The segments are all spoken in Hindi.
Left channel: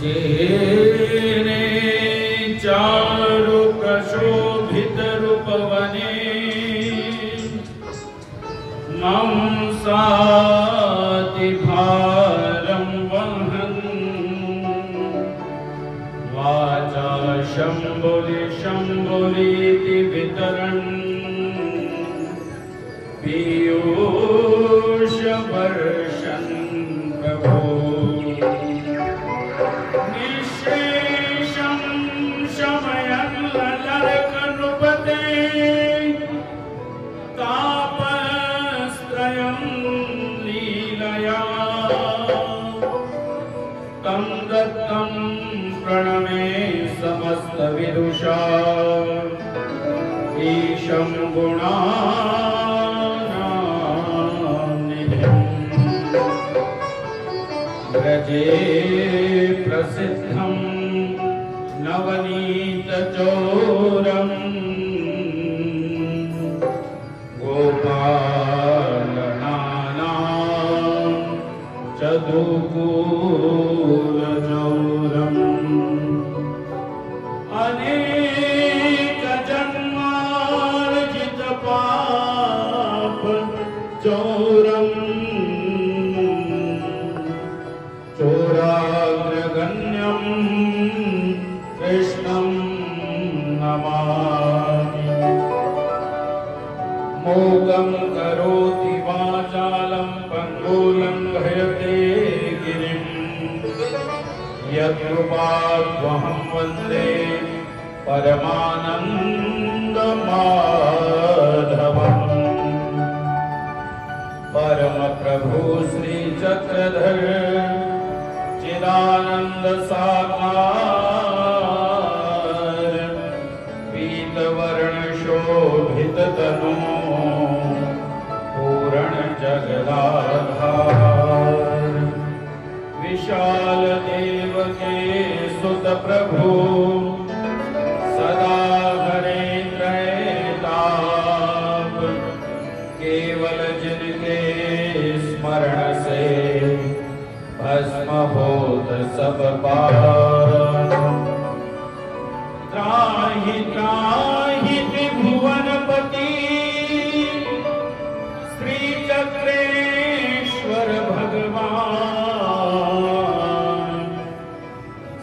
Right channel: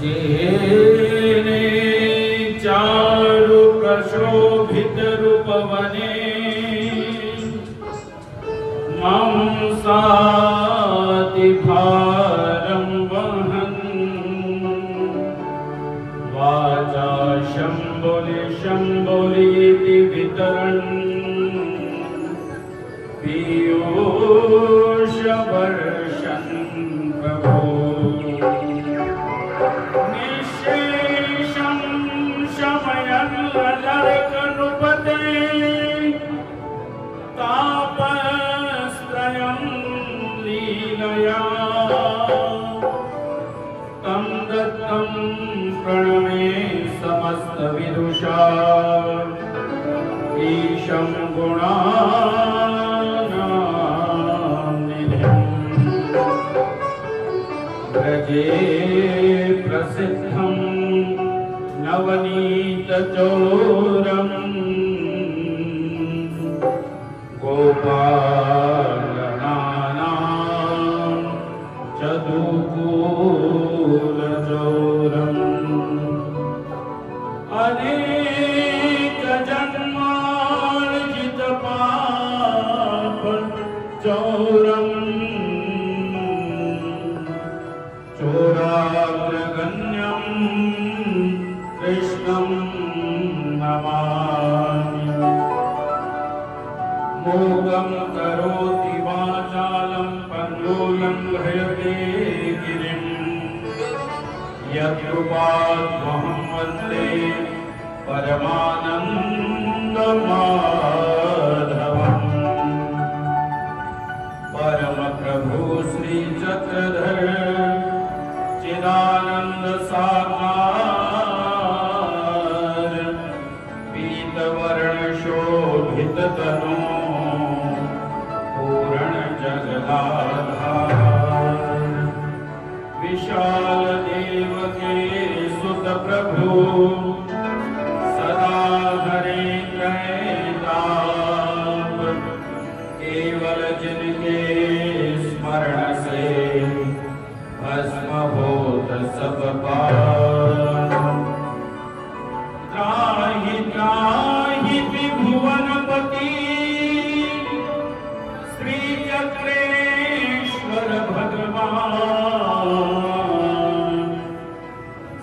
जेने चारु कशोभित रूपवने मंसाति भारं वहन् वाचा शम्भुलि शम्भुलीति वितरन् पीयूष वर्षन् प्रभो निःशेषं शमयन् ललर्कनृपते तापत्रयं लीलया तं दत्तं प्रणमे समस्तविदुषा ईशं गुणानानिधिम् व्रजे प्रसिद्धं नवनीतचोरम् गोपालनानां चतुकूलचोरम् अनेकजन्मार्जितपाप चोरम् चोराग्रगण्यं कृष्णं नमामि मोगं करोति वाचालं पङ्गुलं लङ्घयते गिरिं यत्कृपाद्वहं वन्दे परमानन्दमाधवम् परमप्रभु श्रीचक्रधर चिदानंद साकार पीतवर्ण शोभित तनु पूर्ण जगदाधार विशाल देव के सुत प्रभु सदा हरे त्रैताप केवल जिनके स्मरण से भस्म होत सब पाप त्राहि त्राहि त्रिभुवनपति श्री चक्रेश्वर भगवान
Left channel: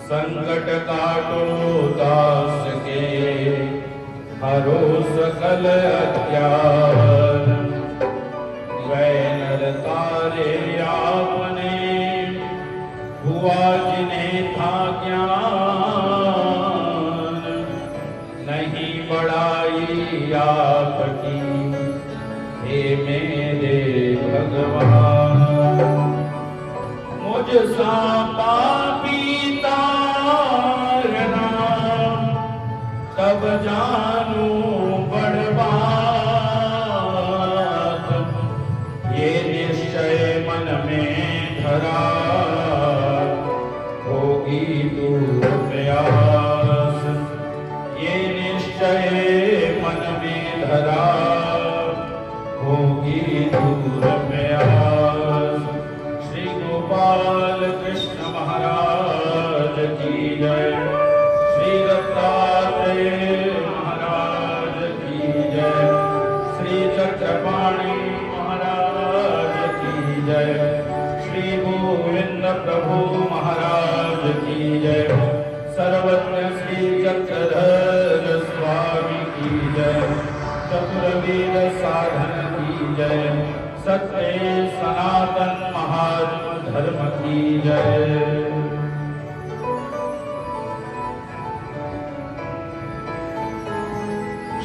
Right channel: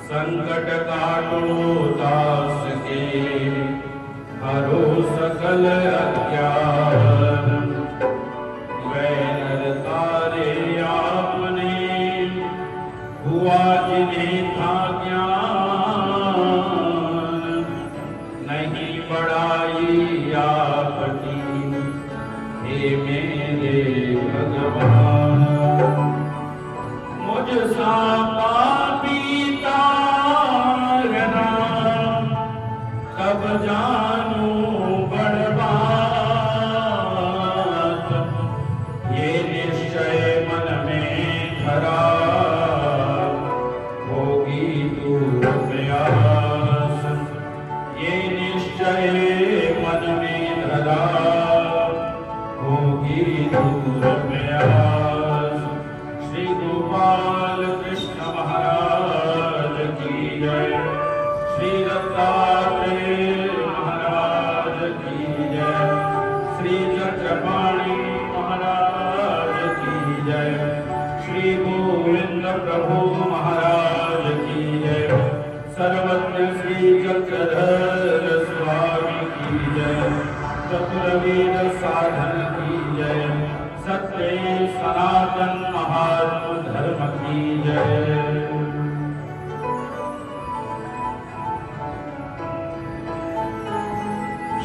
संकट काटो दास के हरो सकल अज्ञान वैनर तारे आपने हुआ जिन्हें था ज्ञान नहीं बढ़ाई आपकी हे मेरे भगवान मुझ सा पापी तारना तब जानू बड़ बात ये निश्चय मन में धरा होगी दूर प्रयास ये निश्चय मन में धरा होगी दूर प्रयास श्री गोपाल कृष्ण महाराज की जय श्री दत्तात्रेय महाराज की जय श्री चक्रपाणि महाराज की जय श्री गोविंद प्रभु महाराज की जय सर्वज्ञ श्री चक्रधर स्वामी की जय चतुर्वेद साधन की जय सत्य सनातन महात्म धर्म की जय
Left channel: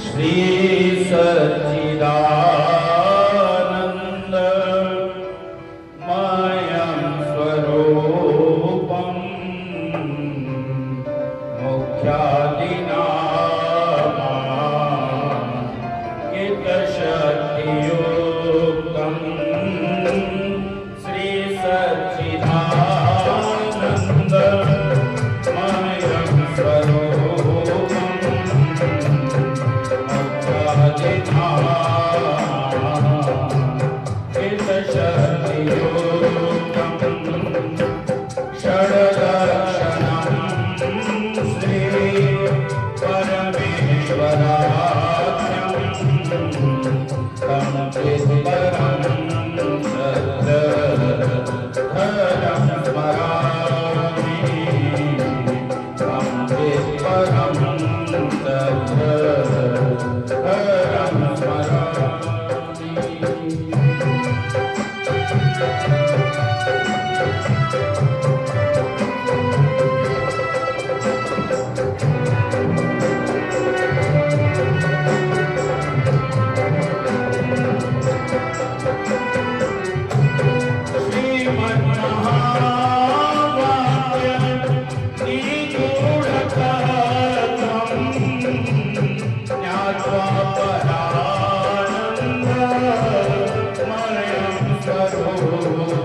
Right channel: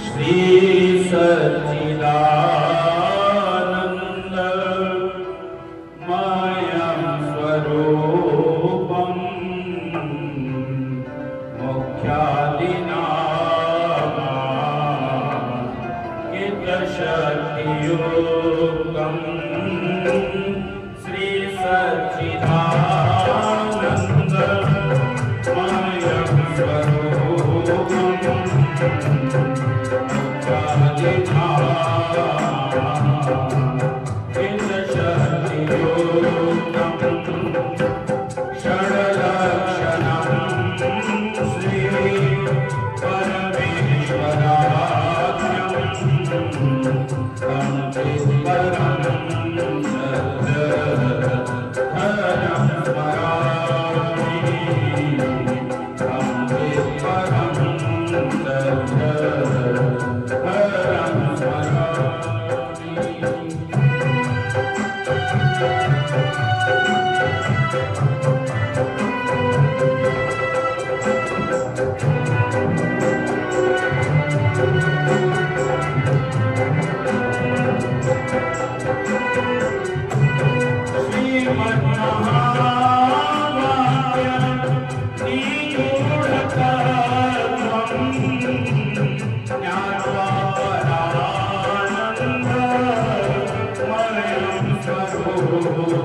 श्री सच्चिदानंद मयं स्वरूपं मुख्यादिनामाकितशक्तियुक्तं श्री सच्चिदानंद मयं स्वरूपं मुख्यादिनामाकितशक्तियुक्तं Sotyam,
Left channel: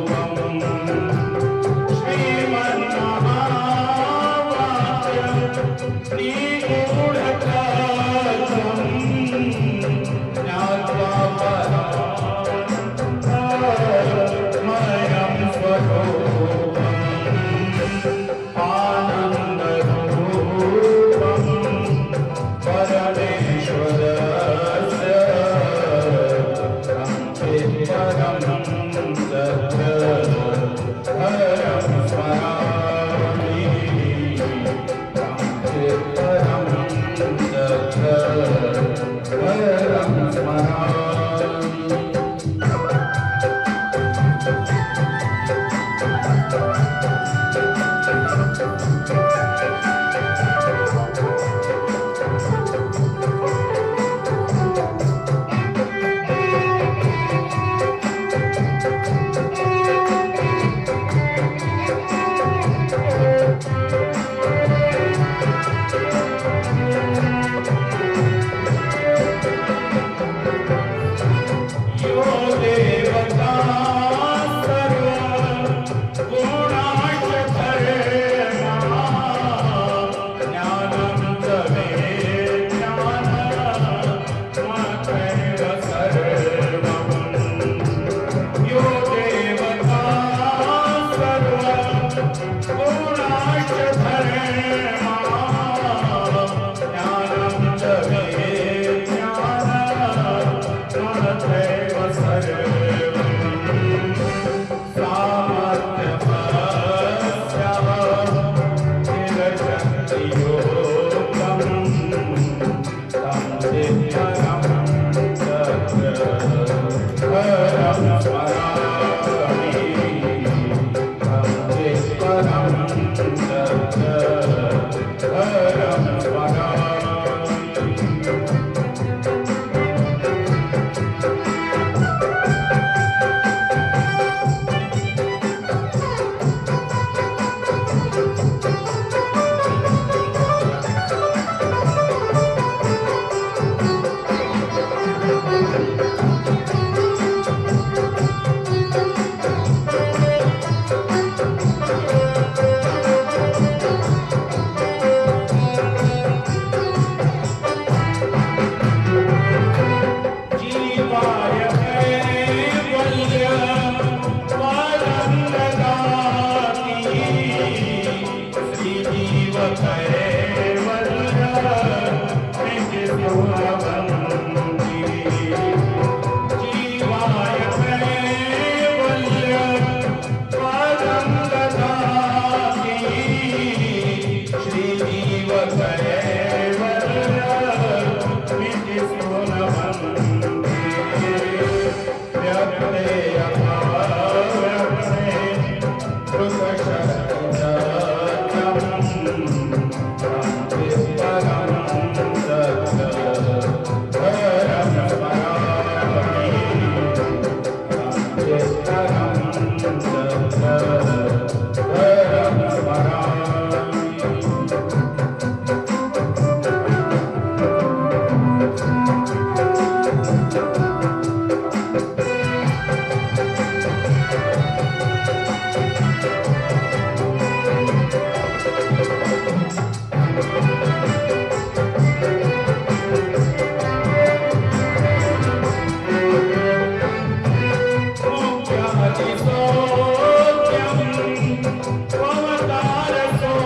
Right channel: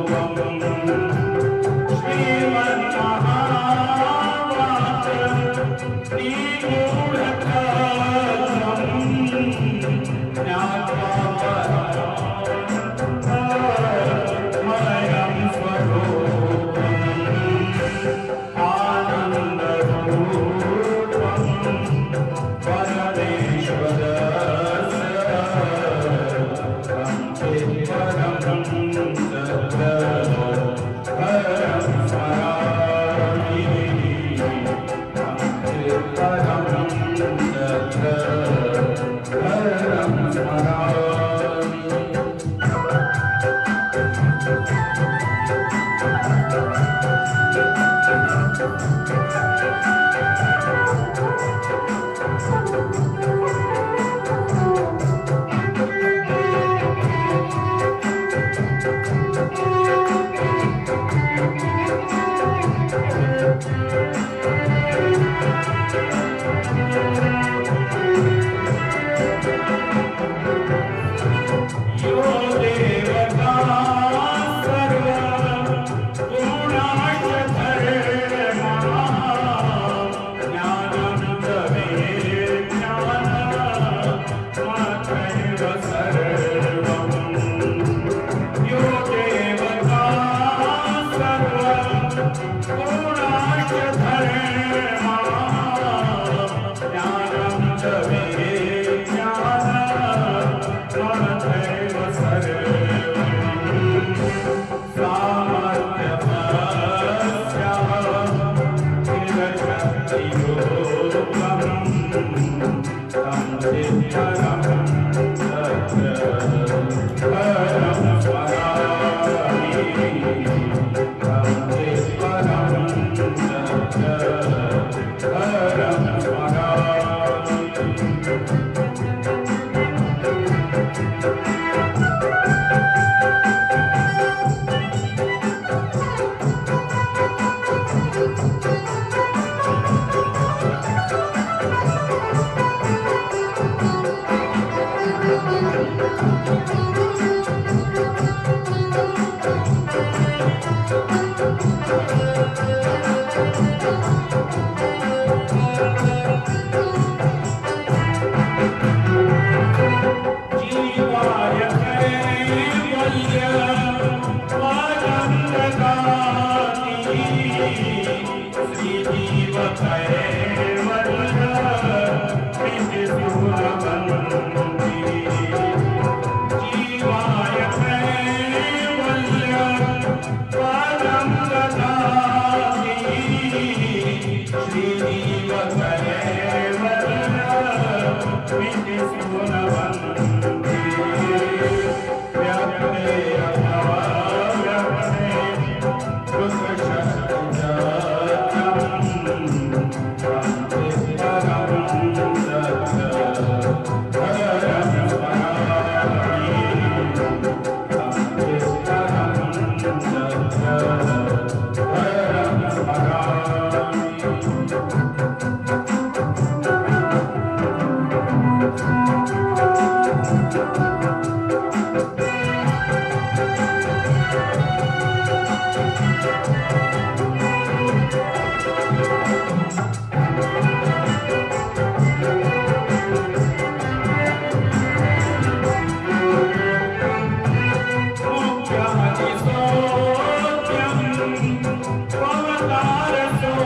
Avatara Sotyam.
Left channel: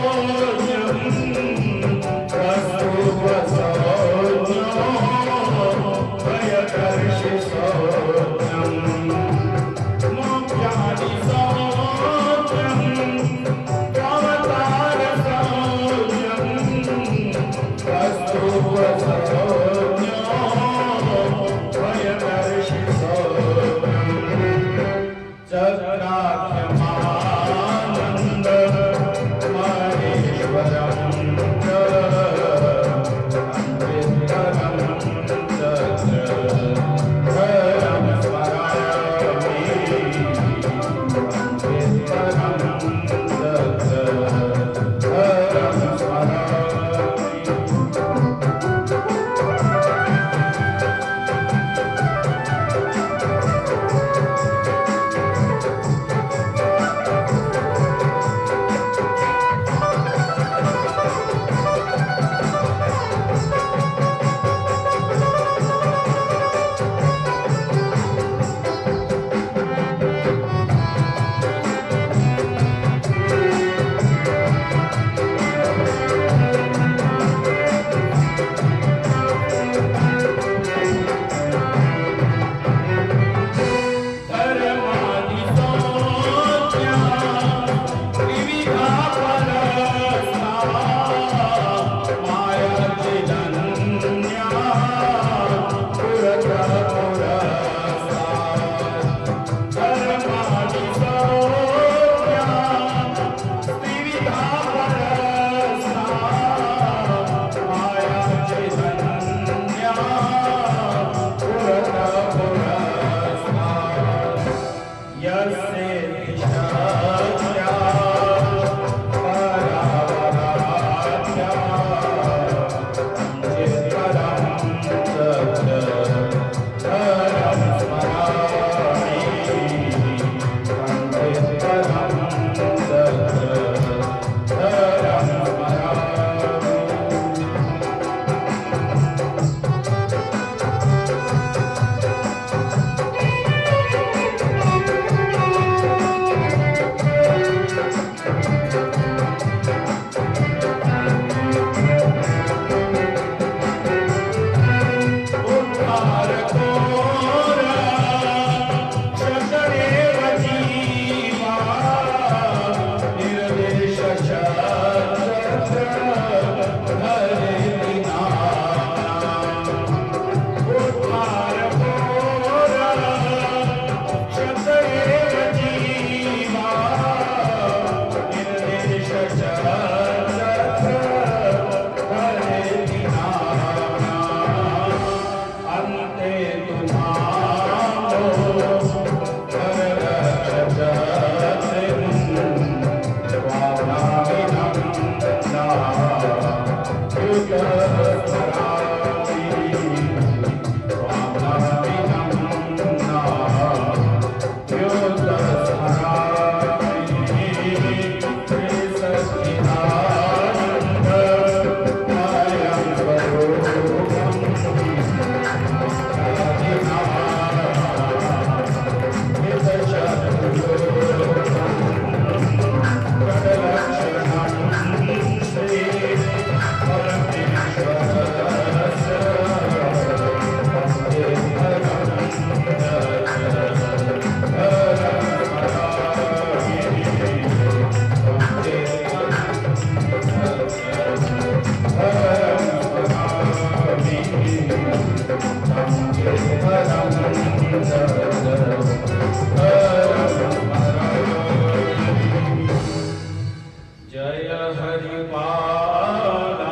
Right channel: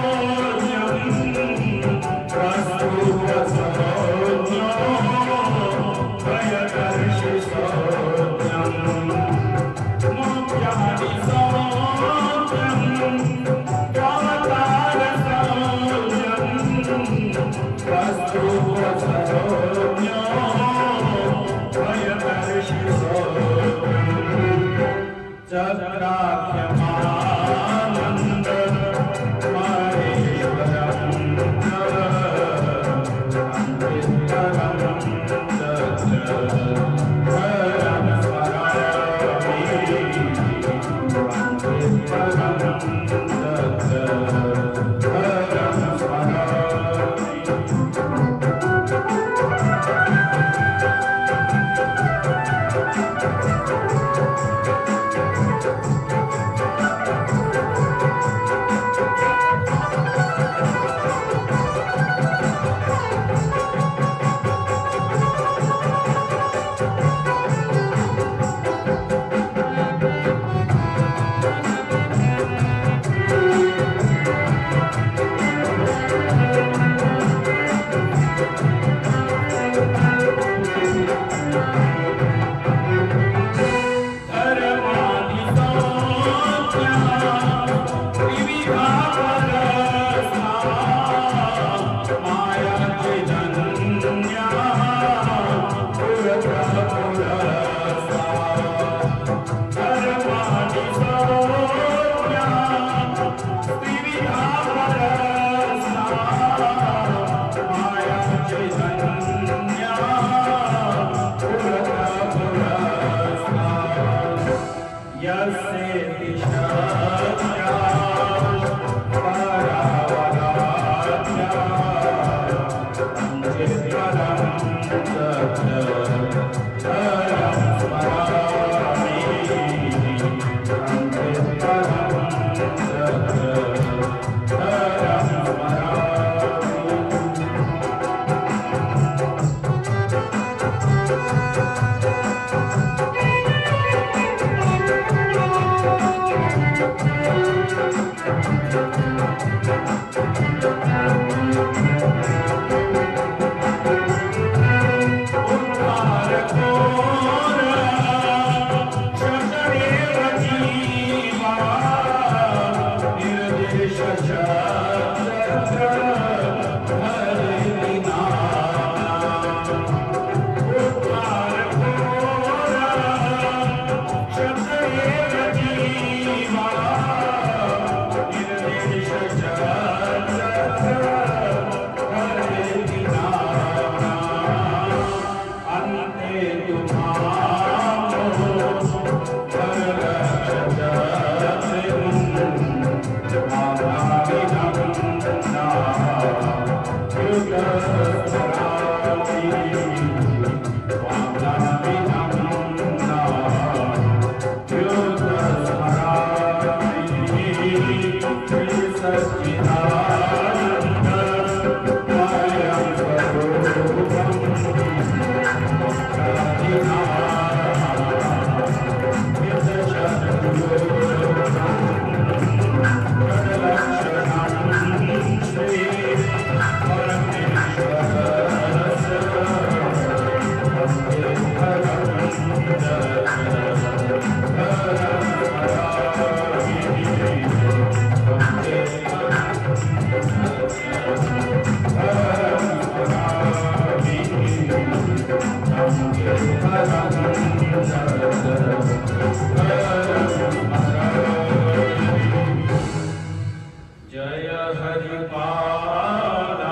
जय हरिपाला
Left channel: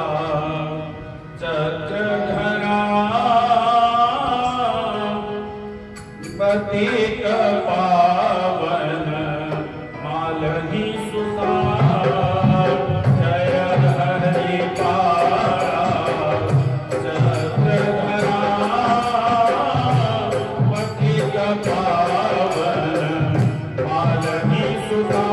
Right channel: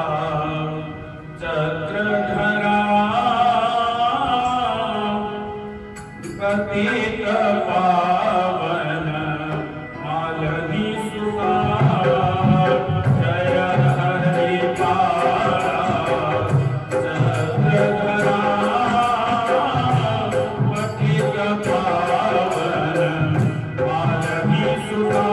चक्रधरा पतित पावन मालवी सुता। जय हरिपाला चक्रधरा पतित पावन मालवी सुता।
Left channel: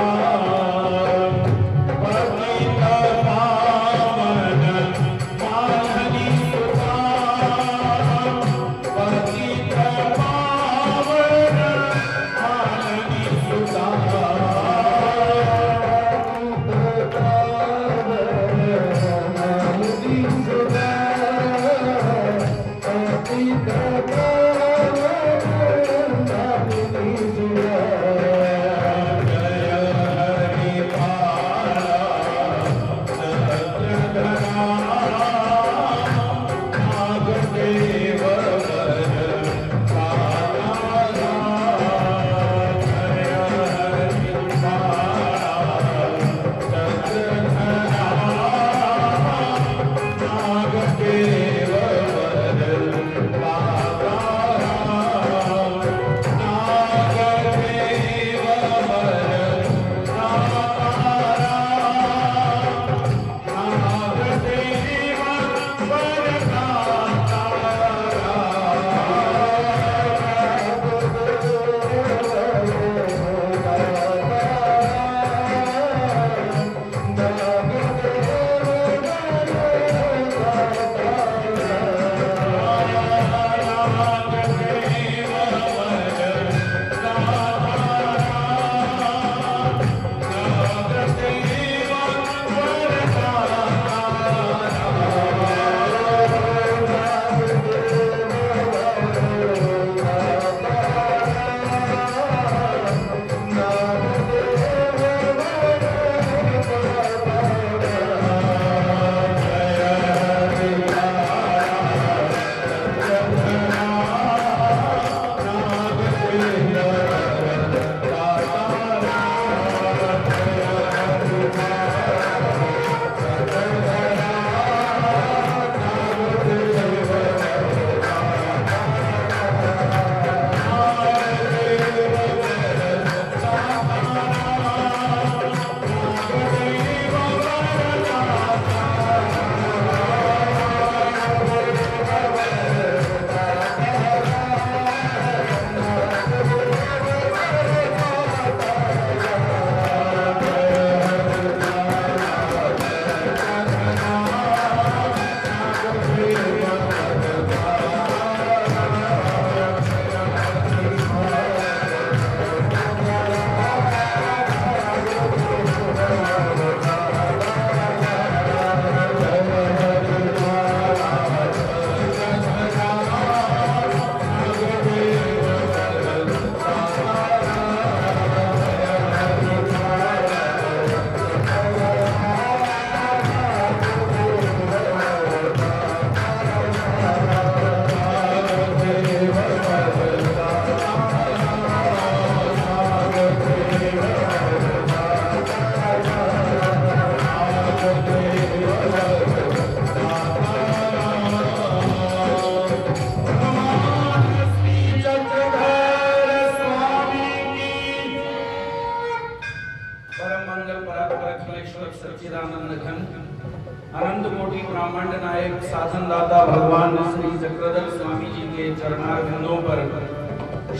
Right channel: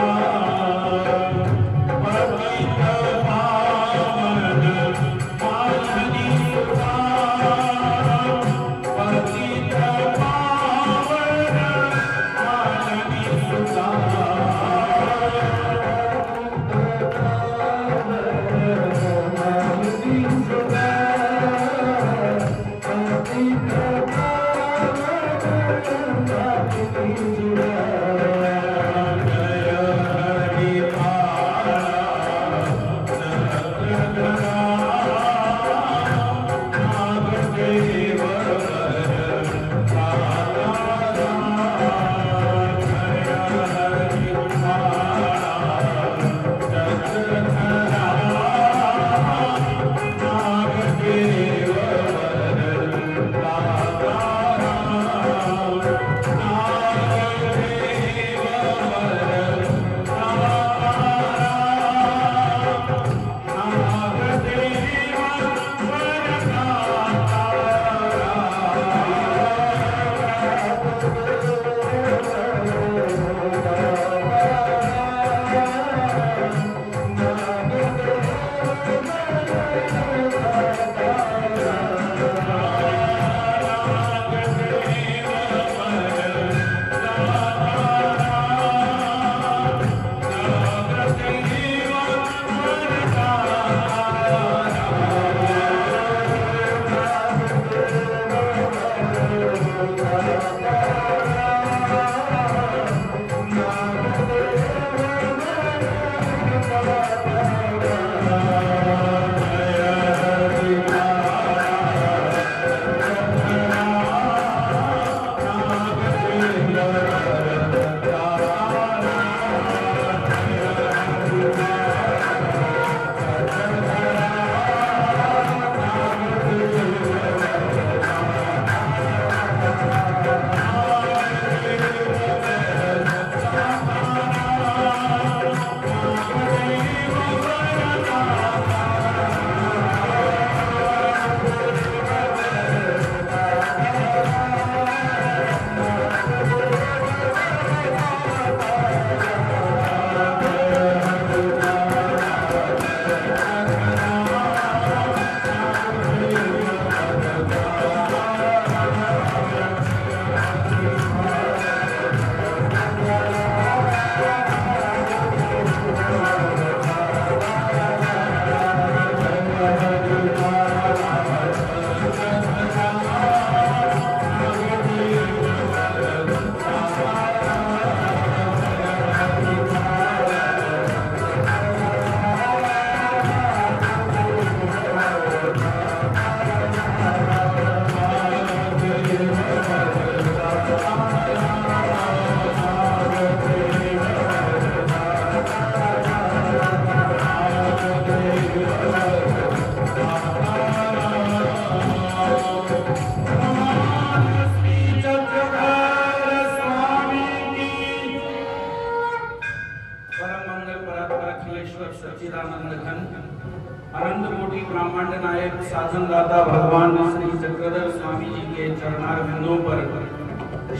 अनंत कोटि ब्रह्मांड नायक साधन दाता भगवान श्री चक्रधर स्वामी जी के चरणारविंदों पर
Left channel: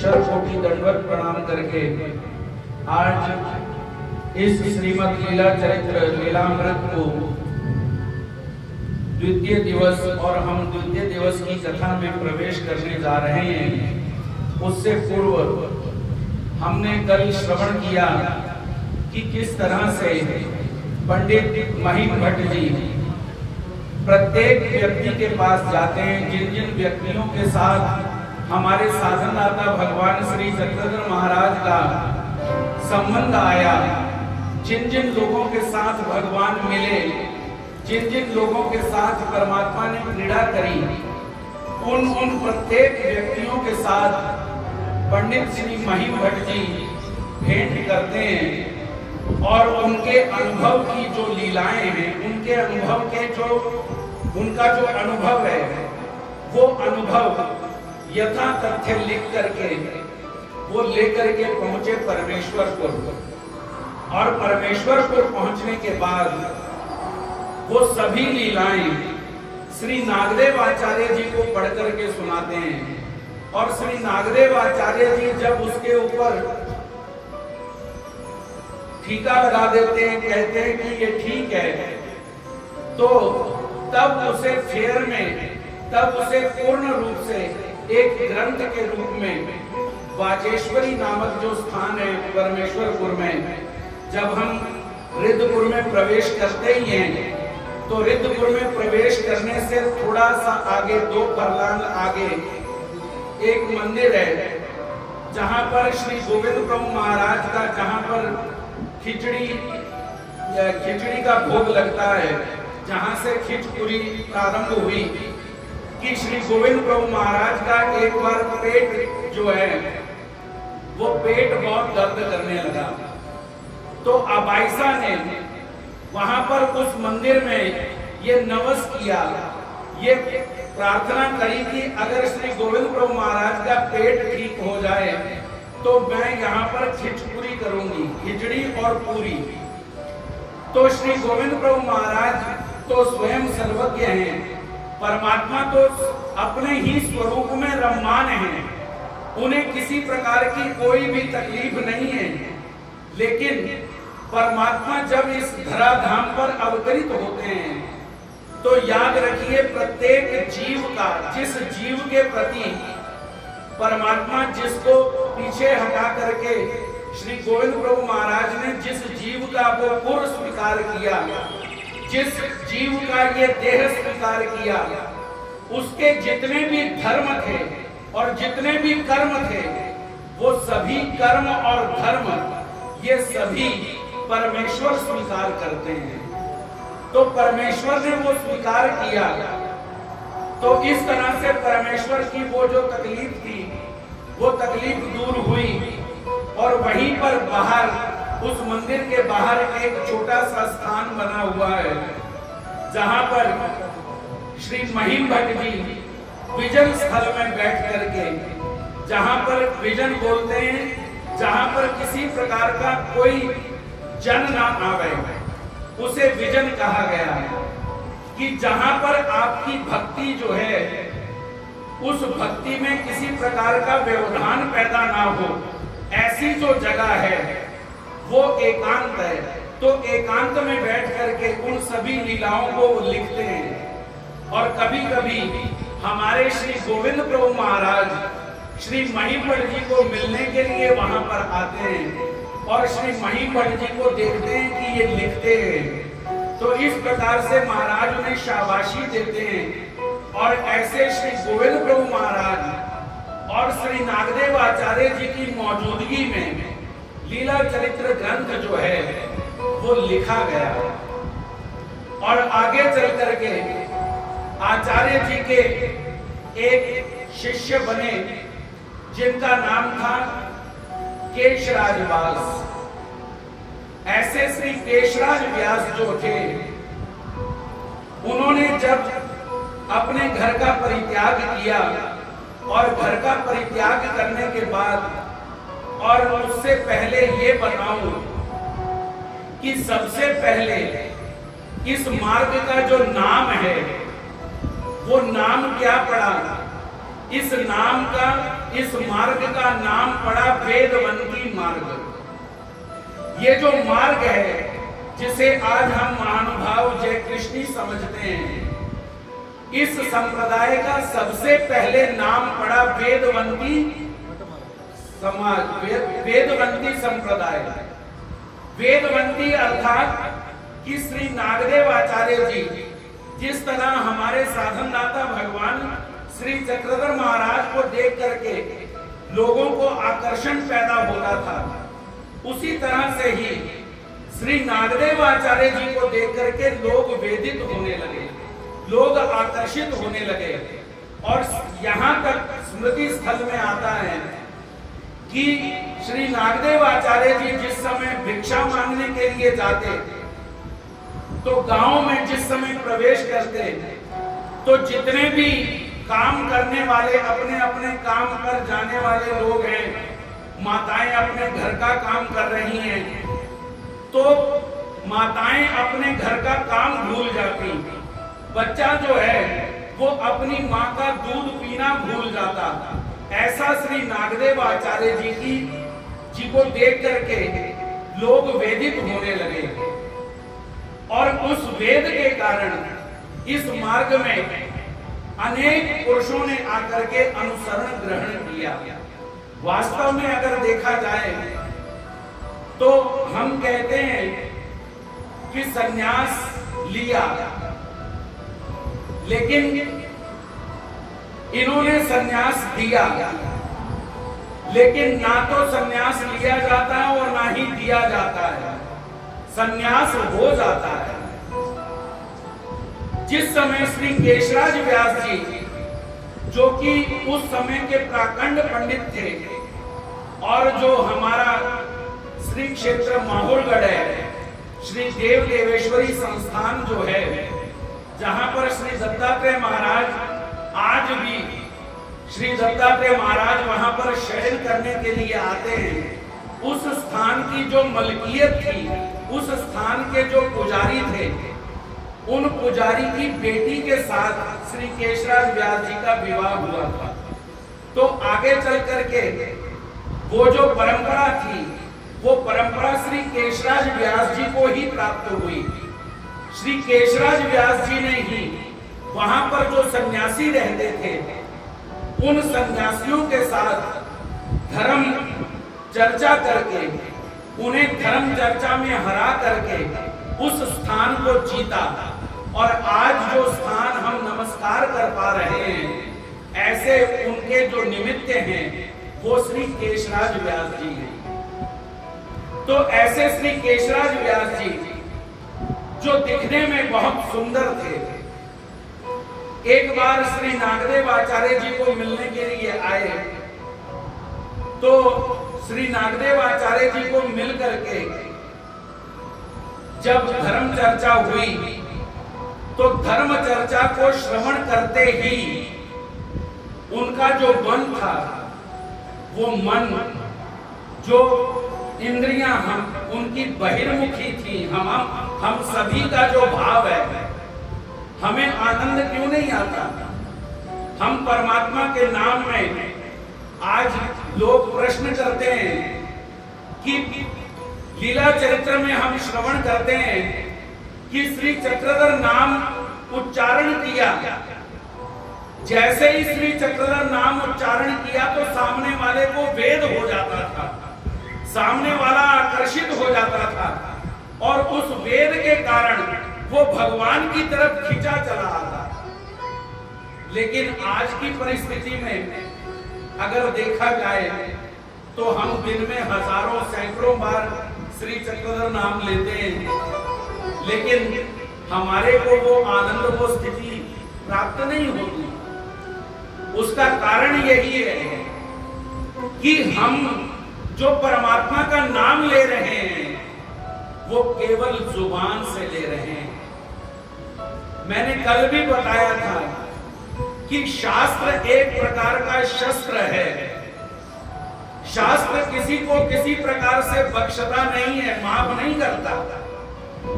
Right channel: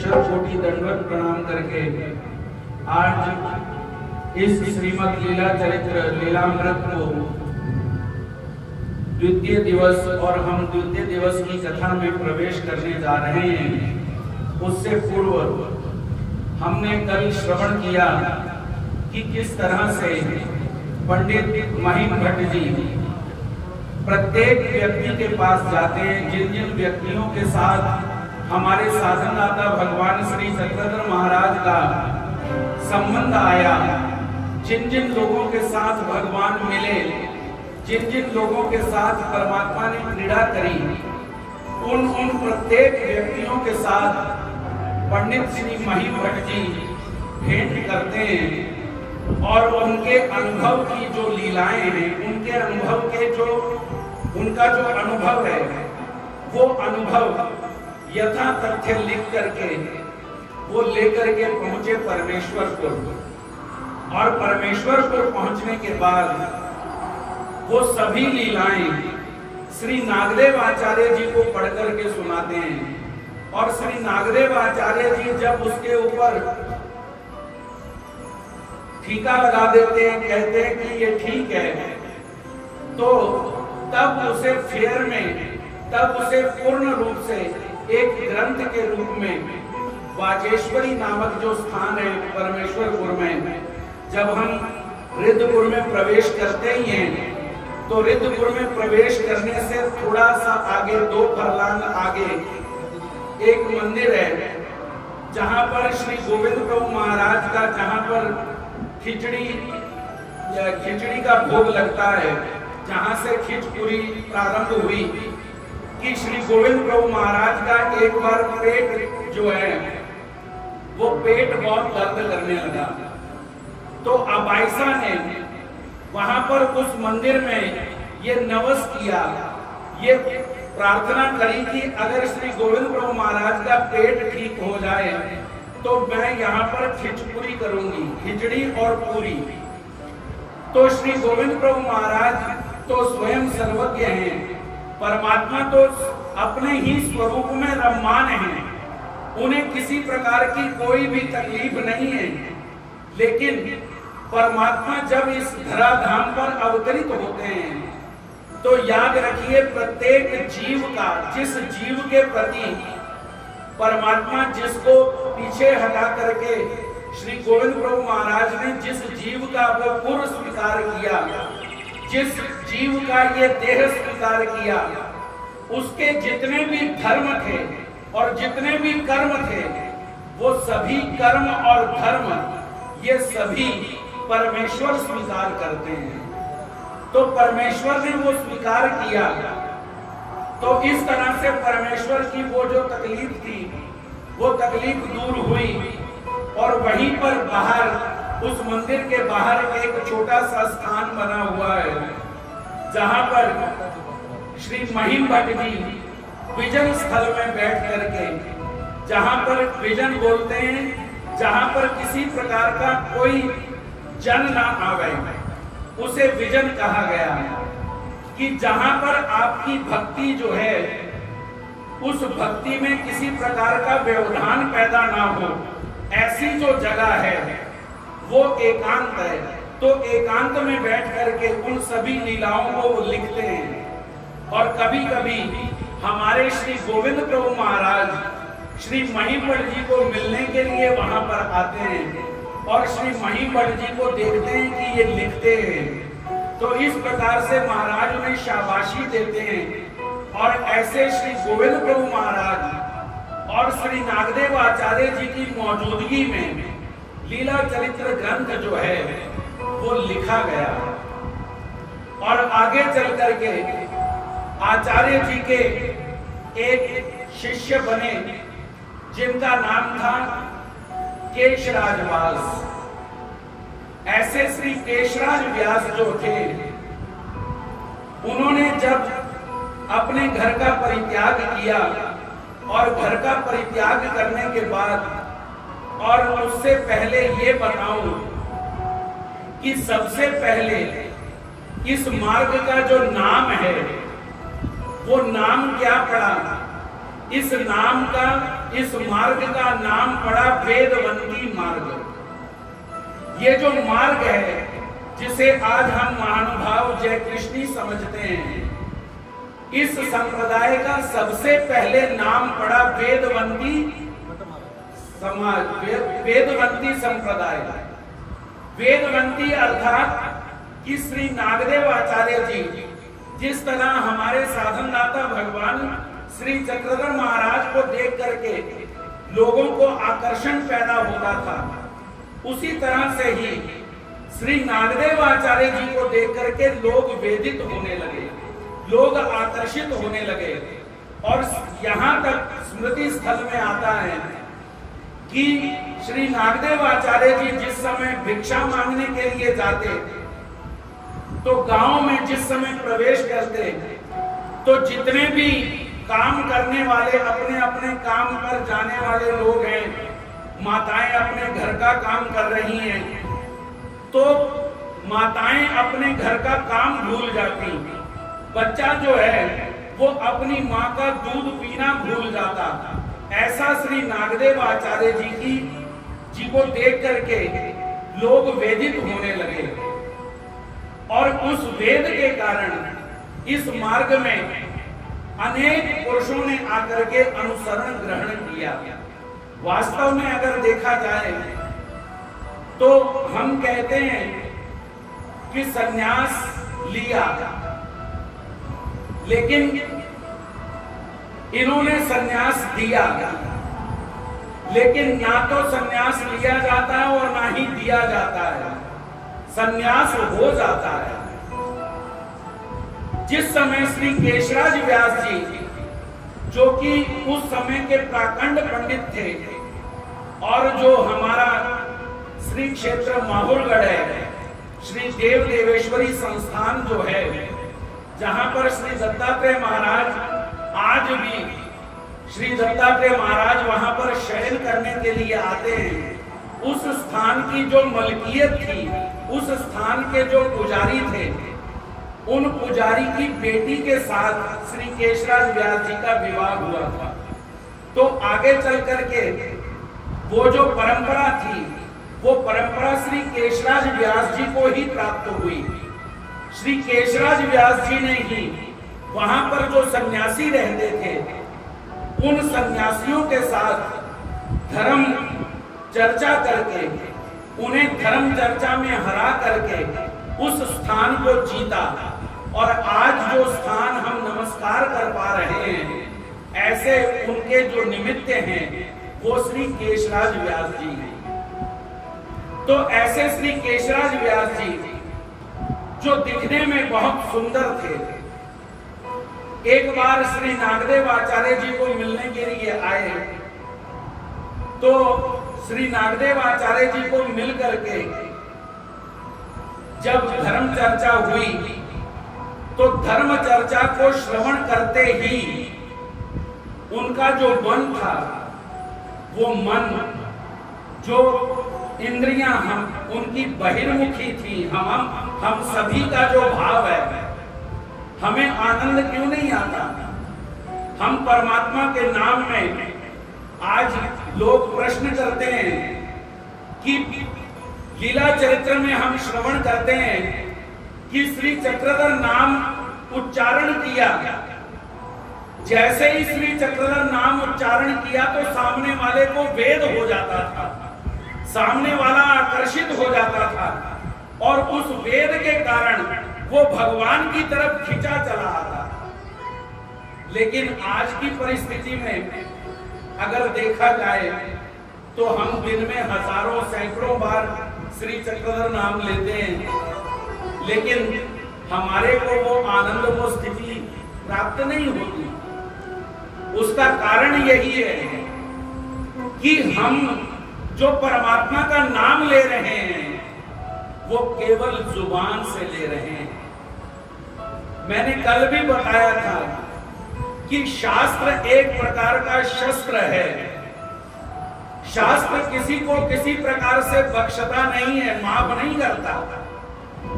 शत कोटि दंडवत प्रणाम करके आज इस श्रीमद लीला चरित्र लीलामृत को द्वितीय दिवस और हम द्वितीय दिवस की कथा में प्रवेश करने जा रहे हैं। उससे पूर्व हमने कल श्रवण किया कि किस तरह से पंडित महिम भट्ट जी प्रत्येक व्यक्ति के पास जाते हैं। जिन जिन व्यक्तियों के साथ हमारे साधनदाता भगवान श्री चक्रधर महाराज का संबंध आया, जिन जिन लोगों के साथ भगवान मिले, जिन जिन लोगों के साथ परमात्मा ने क्रीड़ा करी, उन प्रत्येक व्यक्तियों के साथ पंडित श्री महिम भट्ट जी भेंट करते हैं और उनके अनुभव की जो लीलाएं हैं, उनके अनुभव के जो उनका जो अनुभव है, वो अनुभव यथा तथ्य लिख करके वो लेकर के पहुंचे परमेश्वरपुर। और परमेश्वरपुर पहुंचने के बाद वो सभी लीलाएं श्री नागदेव आचार्य जी को पढ़ करके सुनाते हैं। और श्री नागदेव आचार्य जी जब उसके ऊपर ठीका लगा देते हैं, कहते हैं कि ये ठीक है, तो तब उसे फेर में, तब उसे पूर्ण रूप से एक ग्रंथ के रूप में वाचेश्वरी नामक जो स्थान है परमेश्वरपुर में, जब हम रिद्धपुर में प्रवेश करते ही हैं, तो रिद्धपुर में प्रवेश करने से थोड़ा सा आगे 2 फरलांग आगे एक मंदिर है, जहां पर श्री गोविंद प्रभु महाराज का, जहां पर खिचड़ी का भोग लगता है, जहां से खिचपुरी प्रारंभ हुई कि श्री गोविंद प्रभु महाराज का एक बार पेट जो है वो पेट बहुत दर्द करने लगा। तो अबाइसा ने वहां पर उस मंदिर में ये नवस किया, ये प्रार्थना करी कि अगर श्री गोविंद प्रभु महाराज का पेट ठीक हो जाए तो मैं यहाँ पर खिचपुरी करूंगी, खिचड़ी और पूरी। तो श्री गोविंद प्रभु महाराज तो स्वयं सर्वज्ञ हैं, परमात्मा तो अपने ही स्वरूप में रममान हैं, उन्हें किसी प्रकार की कोई भी तकलीफ नहीं है। लेकिन परमात्मा जब इस धराधाम पर अवतरित होते हैं तो याद रखिए, प्रत्येक जीव का, जिस जीव के प्रति परमात्मा जिसको पीछे हटा करके श्री गोविंद प्रभु महाराज ने जिस जीव का वो पुर स्वीकार किया, जिस जीव का ये देह स्वीकार किया, उसके जितने भी धर्म थे और जितने भी कर्म थे, वो सभी कर्म और धर्म ये सभी परमेश्वर स्वीकार करते हैं। तो परमेश्वर ने वो स्वीकार किया, तो इस तरह से परमेश्वर की वो जो तकलीफ थी वो तकलीफ दूर हुई। और वहीं पर बाहर, उस मंदिर के बाहर एक छोटा सा स्थान बना हुआ है, जहां पर श्री महिम भट्ट जी विजन स्थल में बैठ करके, जहां पर विजन बोलते हैं, जहां पर किसी प्रकार का कोई जन ना आवे, उसे विजन कहा गया है। कि जहां पर आपकी भक्ति जो है, उस भक्ति में किसी प्रकार का व्यवधान पैदा ना हो, ऐसी जो जगह है वो एकांत है। तो एकांत में बैठ करके उन सभी लीलाओं को वो लिखते हैं। और कभी कभी हमारे श्री गोविंद प्रभु महाराज श्री महिमढ़ जी को मिलने के लिए वहां पर आते हैं और श्री महिमढ़ जी को देखते हैं कि ये लिखते हैं। तो इस प्रकार से महाराज उन्हें शाबाशी देते हैं। और ऐसे श्री गोविंद प्रभु महाराज और श्री नागदेव आचार्य जी की मौजूदगी में लीला चरित्र ग्रंथ जो है वो लिखा गया। और आगे चल करके आचार्य जी के एक शिष्य बने जिनका नाम था केशराज व्यास। ऐसे श्री केशराज व्यास जो थे, उन्होंने जब अपने घर का परित्याग किया और घर का परित्याग करने के बाद, और उससे पहले ये बताऊं कि सबसे पहले इस मार्ग का जो नाम है वो नाम क्या पड़ा? इस मार्ग का नाम पड़ा वेदवंती मार्ग। ये जो मार्ग है जिसे आज हम महानुभाव जय कृष्णी समझते हैं, इस संप्रदाय का सबसे पहले नाम पड़ा वेदवंती समाज, वेदवंती संप्रदाय। वेदवंती अर्थात कि श्री नागदेव आचार्य जी जिस तरह हमारे साधनदाता भगवान श्री चक्रधर महाराज को देख करके लोगों को आकर्षण पैदा होता था, उसी तरह से ही श्री नागदेव आचार्य जी को देख करके लोग वेदित होने लगे, लोग आकर्षित होने लगे। और यहाँ तक स्मृति स्थल में आता है कि श्री नागदेव आचार्य जी जिस समय भिक्षा मांगने के लिए जाते तो गांव में जिस समय प्रवेश करते तो जितने भी काम करने वाले अपने अपने काम पर जाने वाले लोग हैं, माताएं अपने घर का काम कर रही हैं, तो माताएं अपने घर का काम भूल जाती, बच्चा जो है वो अपनी माँ का दूध पीना भूल जाता। ऐसा श्री नागदेव आचार्य जी को देख करके लोग वेदित होने लगे और उस वेद के कारण इस मार्ग में अनेक पुरुषों ने आकर के अनुसरण ग्रहण किया। वास्तव में अगर देखा जाए तो हम कहते हैं कि संन्यास लिया, लेकिन इन्होंने संन्यास दिया, लेकिन ना तो संन्यास लिया जाता है और ना ही दिया जाता है, संन्यास हो जाता है। जिस समय श्री केशराज व्यास जी, जो कि उस समय के प्राकंड पंडित थे और जो हमारा श्री क्षेत्र माहुरगढ़ है, श्री देव देवेश्वरी संस्थान जो है, जहां पर श्री दत्तात्रेय महाराज आज भी श्री दत्तात्रेय महाराज वहां पर शयन करने के लिए आते हैं, उस स्थान की जो मलकियत थी, उस स्थान के जो पुजारी थे, उन पुजारी की बेटी के साथ श्री केशराज व्यास जी का विवाह हुआ था। तो आगे चल करके वो जो परंपरा थी, वो परंपरा श्री केशराज व्यास जी को ही प्राप्त हुई। श्री केशराज व्यास जी ने ही वहां पर जो सन्यासी रहते थे, उन सन्यासियों के साथ धर्म चर्चा करके, उन्हें धर्म चर्चा में हरा करके उस स्थान को जीता और आज जो स्थान हम नमस्कार कर पा रहे हैं, ऐसे उनके जो निमित्त हैं वो श्री केशराज व्यास जी हैं। तो ऐसे श्री केशराज व्यास जी जो दिखने में बहुत सुंदर थे, एक बार श्री नागदेव आचार्य जी को मिलने के लिए आए, तो श्री नागदेव आचार्य जी को मिल करके जब धर्म चर्चा हुई तो धर्म चर्चा को श्रवण करते ही उनका जो मन था, वो मन, जो इंद्रियां हम उनकी बहिर्मुखी थी, हम सभी का जो भाव है, हमें आनंद क्यों नहीं आता? हम परमात्मा के नाम में आज लोग प्रश्न करते हैं कि लीला चरित्र में हम श्रवण करते हैं कि श्री चक्रधर नाम उच्चारण किया, जैसे ही श्री चक्रधर नाम उच्चारण किया तो सामने वाले को वेद हो जाता था, सामने वाला आकर्षित हो जाता था और उस वेद के कारण वो भगवान की तरफ खिंचा चला आता। लेकिन आज की परिस्थिति में अगर देखा जाए तो हम दिन में हजारों सैकड़ों बार श्री चक्रधर नाम लेते हैं, लेकिन हमारे को वो आनंद, वो स्थिति प्राप्त नहीं होती। उसका कारण यही है कि हम जो परमात्मा का नाम ले रहे हैं वो केवल जुबान से ले रहे हैं। मैंने कल भी बताया था कि शास्त्र एक प्रकार का शस्त्र है। शास्त्र किसी को किसी प्रकार से बख्शता नहीं है, माफ नहीं करता।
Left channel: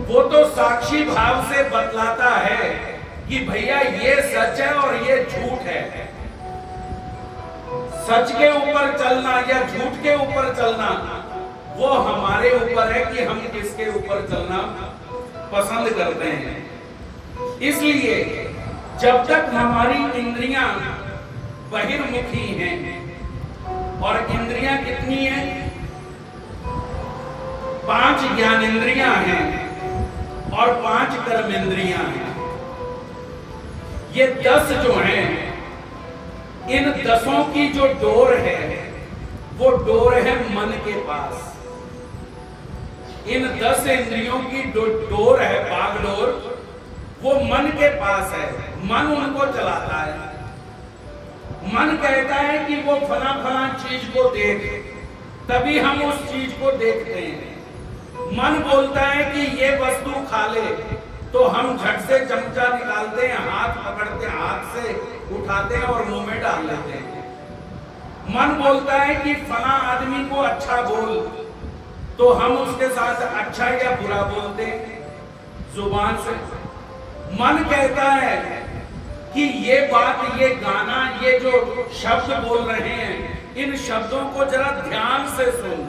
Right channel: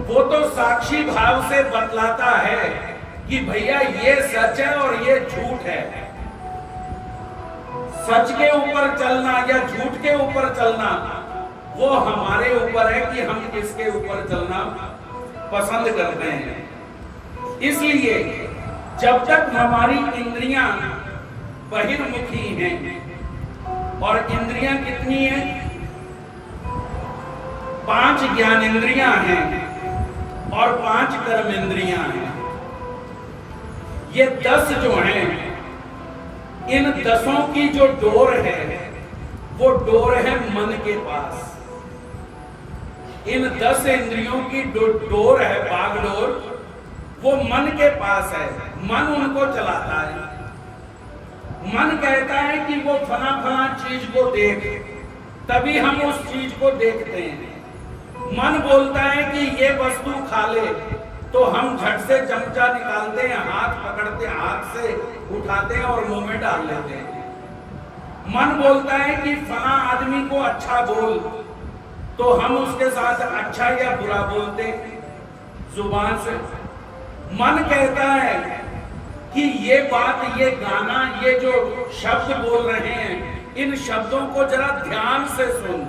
वो तो साक्षी भाव से बतलाता है कि भैया ये सच है और ये झूठ है। सच के ऊपर चलना या झूठ के ऊपर चलना वो हमारे ऊपर है कि हम किसके ऊपर चलना पसंद करते हैं। इसलिए जब तक हमारी इंद्रियां बहिर्मुखी हैं, और इंद्रियां कितनी हैं? 5 ज्ञानेंद्रियां हैं और 5 कर्मेंद्रियां हैं। ये 10 जो हैं, इन 10 की जो डोर है वो डोर है मन के पास। इन 10 इंद्रियों की डोर है, बागडोर, वो मन के पास है। मन उनको चलाता है। मन कहता है कि वो फला फला चीज को देख, तभी हम उस चीज को देखते हैं। मन बोलता है कि ये वस्तु खा ले, तो हम झट से चमचा निकालते हैं, हाथ पकड़ते, हाथ से उठाते हैं और मुंह में डाल लेते हैं। मन बोलता है कि फला आदमी को अच्छा बोल, तो हम उसके साथ अच्छा या बुरा बोलते हैं जुबान से। मन कहता है कि ये बात, ये गाना, ये जो शब्द बोल रहे हैं, इन शब्दों को जरा ध्यान से सुन,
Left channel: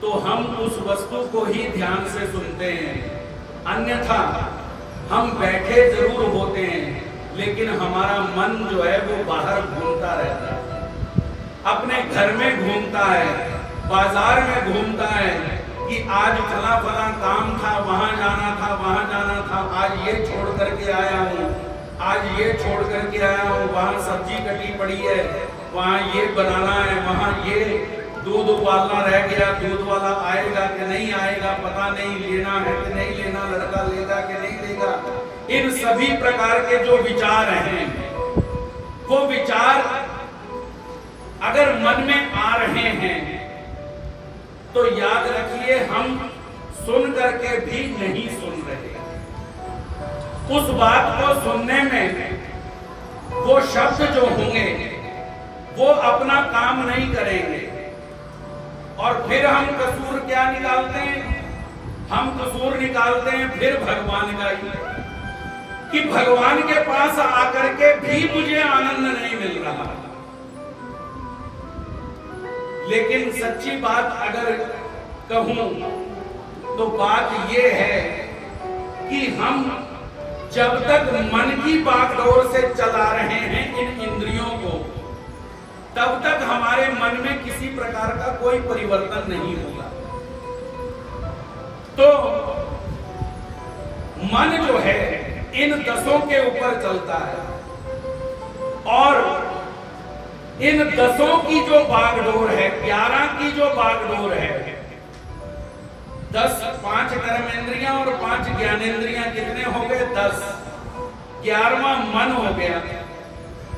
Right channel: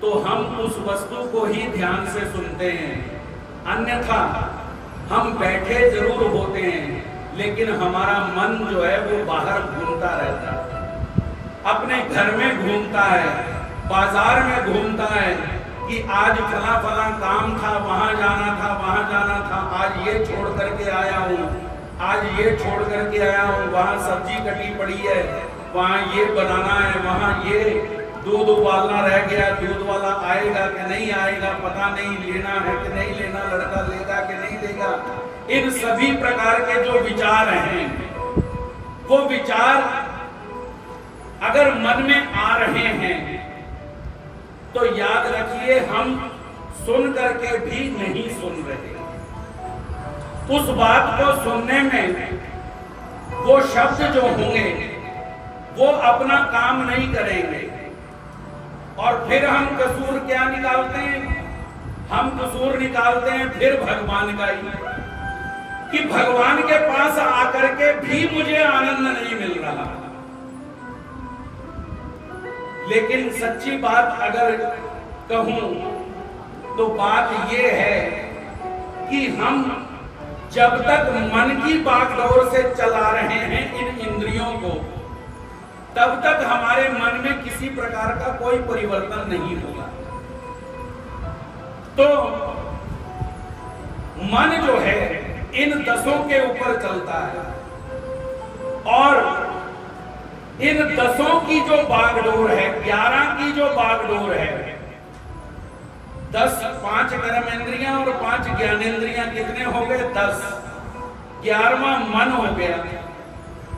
तो हम उस वस्तु को ही ध्यान से सुनते हैं। अन्यथा हम बैठे जरूर होते हैं, लेकिन हमारा मन जो है वो बाहर घूमता रहता है, अपने घर में घूमता है, बाजार में घूमता है कि आज फला फला काम था, वहां जाना था, वहां जाना था, आज ये छोड़ करके आया हूँ, आज ये छोड़ करके आया हूँ, वहां सब्जी कटी पड़ी है, वहां ये बनाना है, वहां ये दूध उबालना रह गया, दूध वाला आएगा कि नहीं आएगा पता नहीं, लेना है कि नहीं लेना, लड़का लेगा कि नहीं लेगा। इन सभी प्रकार के जो विचार हैं, वो विचार अगर मन में आ रहे हैं तो याद रखिए हम सुन करके भी नहीं सुन रहे। उस बात को सुनने में वो शब्द जो होंगे वो अपना काम नहीं करेंगे, और फिर हम कसूर क्या निकालते हैं? हम कसूर निकालते हैं फिर भगवान का ही, कि भगवान के पास आकर के भी मुझे आनंद नहीं मिल रहा। लेकिन सच्ची बात अगर कहूं तो बात यह है कि हम जब तक मन की बागडोर से चला रहे हैं इन इंद्रियों को, तब तक हमारे मन में किसी प्रकार का कोई परिवर्तन नहीं होगा। तो मन जो है इन 10 के ऊपर चलता है, और इन 10 की जो बागडोर है, 11 की जो बागडोर है, 5 कर्मेंद्रियां और 5 ज्ञानेंद्रियां कितने हो गए? 10। 11वां मन हो गया।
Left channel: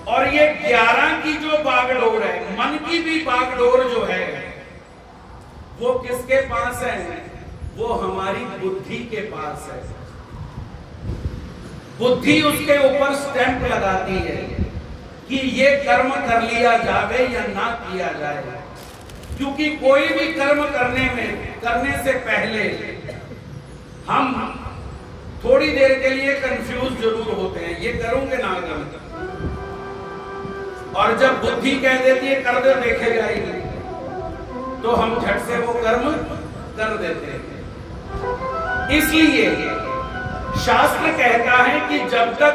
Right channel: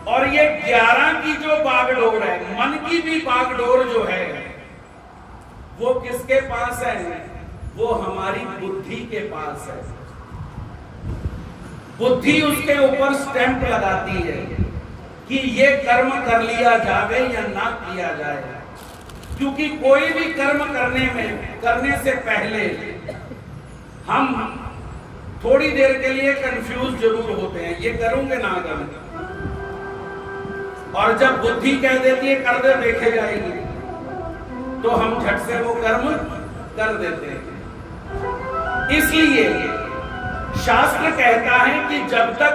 और ये 11 की जो बागडोर है, मन की भी बागडोर जो है, वो किसके पास है? वो हमारी बुद्धि के पास है। बुद्धि उसके ऊपर स्टैंप लगाती है कि ये कर्म कर लिया जाए या ना किया जाए। क्योंकि कोई भी कर्म करने से पहले हम थोड़ी देर के लिए कंफ्यूज जरूर होते हैं, ये करूंगे ना करूंगे, और जब बुद्धि कह देती है कर दे, देखे जाएगी, तो हम झट से वो कर्म कर देते हैं। इसलिए शास्त्र कहता है कि जब तक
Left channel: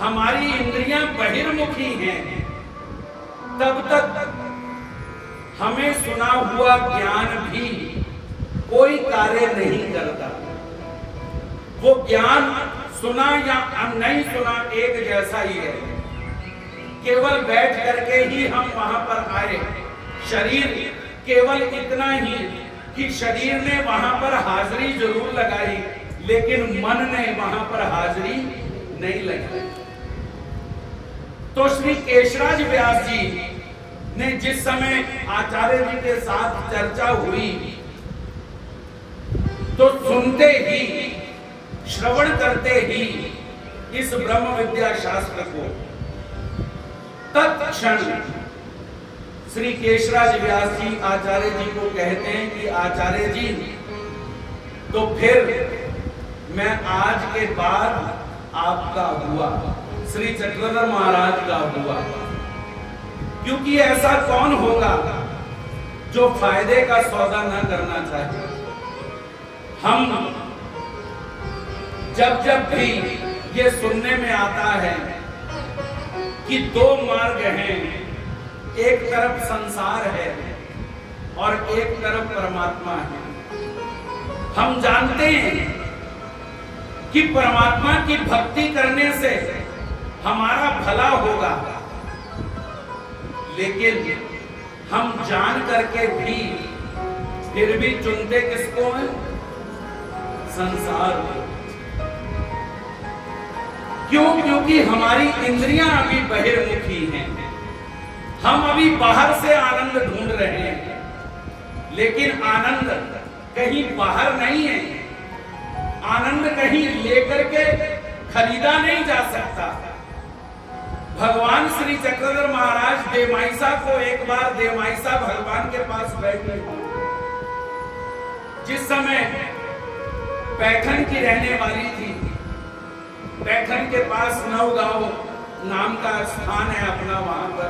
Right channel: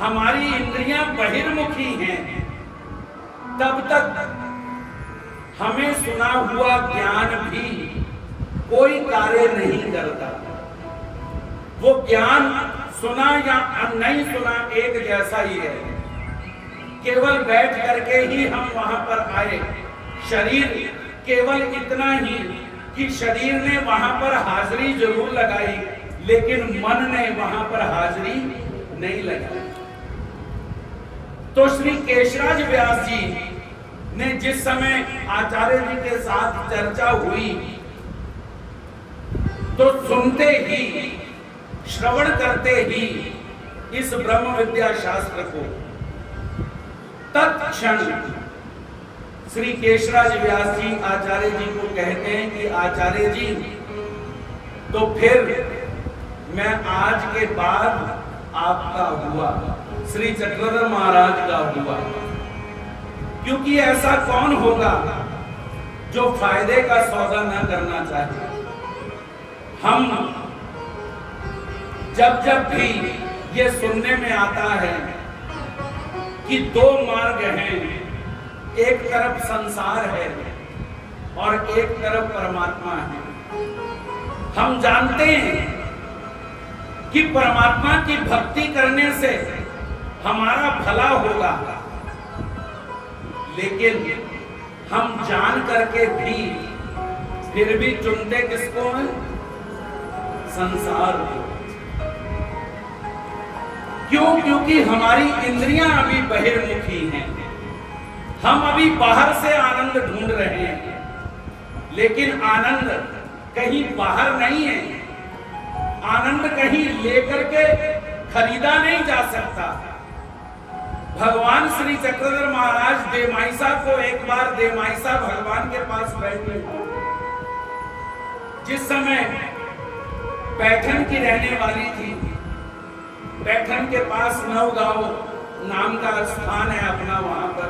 हमारी इंद्रियां बहिर्मुखी हैं, तब तक हमें सुना हुआ ज्ञान भी कोई कार्य नहीं करता। वो ज्ञान सुना या नहीं सुना एक जैसा ही है। केवल बैठ करके ही हम वहां पर आए, शरीर केवल इतना ही कि शरीर ने वहां पर हाजिरी जरूर लगाई, लेकिन मन ने वहां पर हाजिरी नहीं लगाई। तो श्री केशराज व्यास जी ने जिस समय आचार्य जी के साथ चर्चा हुई, तो सुनते ही, श्रवण करते ही इस ब्रह्म विद्या शास्त्र को तत्क्षण श्री केशराज व्यास जी आचार्य जी को कहते हैं कि आचार्य जी, तो फिर मैं आज के बाद आपका हुआ, श्री चक्रधर महाराज का हुआ। क्योंकि ऐसा कौन होगा जो फायदे का सौदा न करना चाहे। हम जब भी ये सुनने में आता है कि 2 मार्ग हैं, एक तरफ संसार है और एक तरफ परमात्मा है। हम जानते हैं कि परमात्मा की भक्ति करने से हमारा भला होगा, लेकिन हम जान करके भी फिर भी चुनते किसको हैं? संसार को। क्यों? क्योंकि हमारी इंद्रियां अभी बहिर्मुखी हैं, हम अभी बाहर से आनंद ढूंढ रहे हैं, लेकिन आनंद कहीं बाहर नहीं है। आनंद कहीं लेकर के खरीदा नहीं जा सकता। भगवान श्री चक्रधर महाराज देमाइसा को एक बार देमाइसा भगवान के पास बैठी, जिस समय पैठन की रहने वाली थी। पैठन के पास नवगांव नाम का स्थान है अपना, वहां पर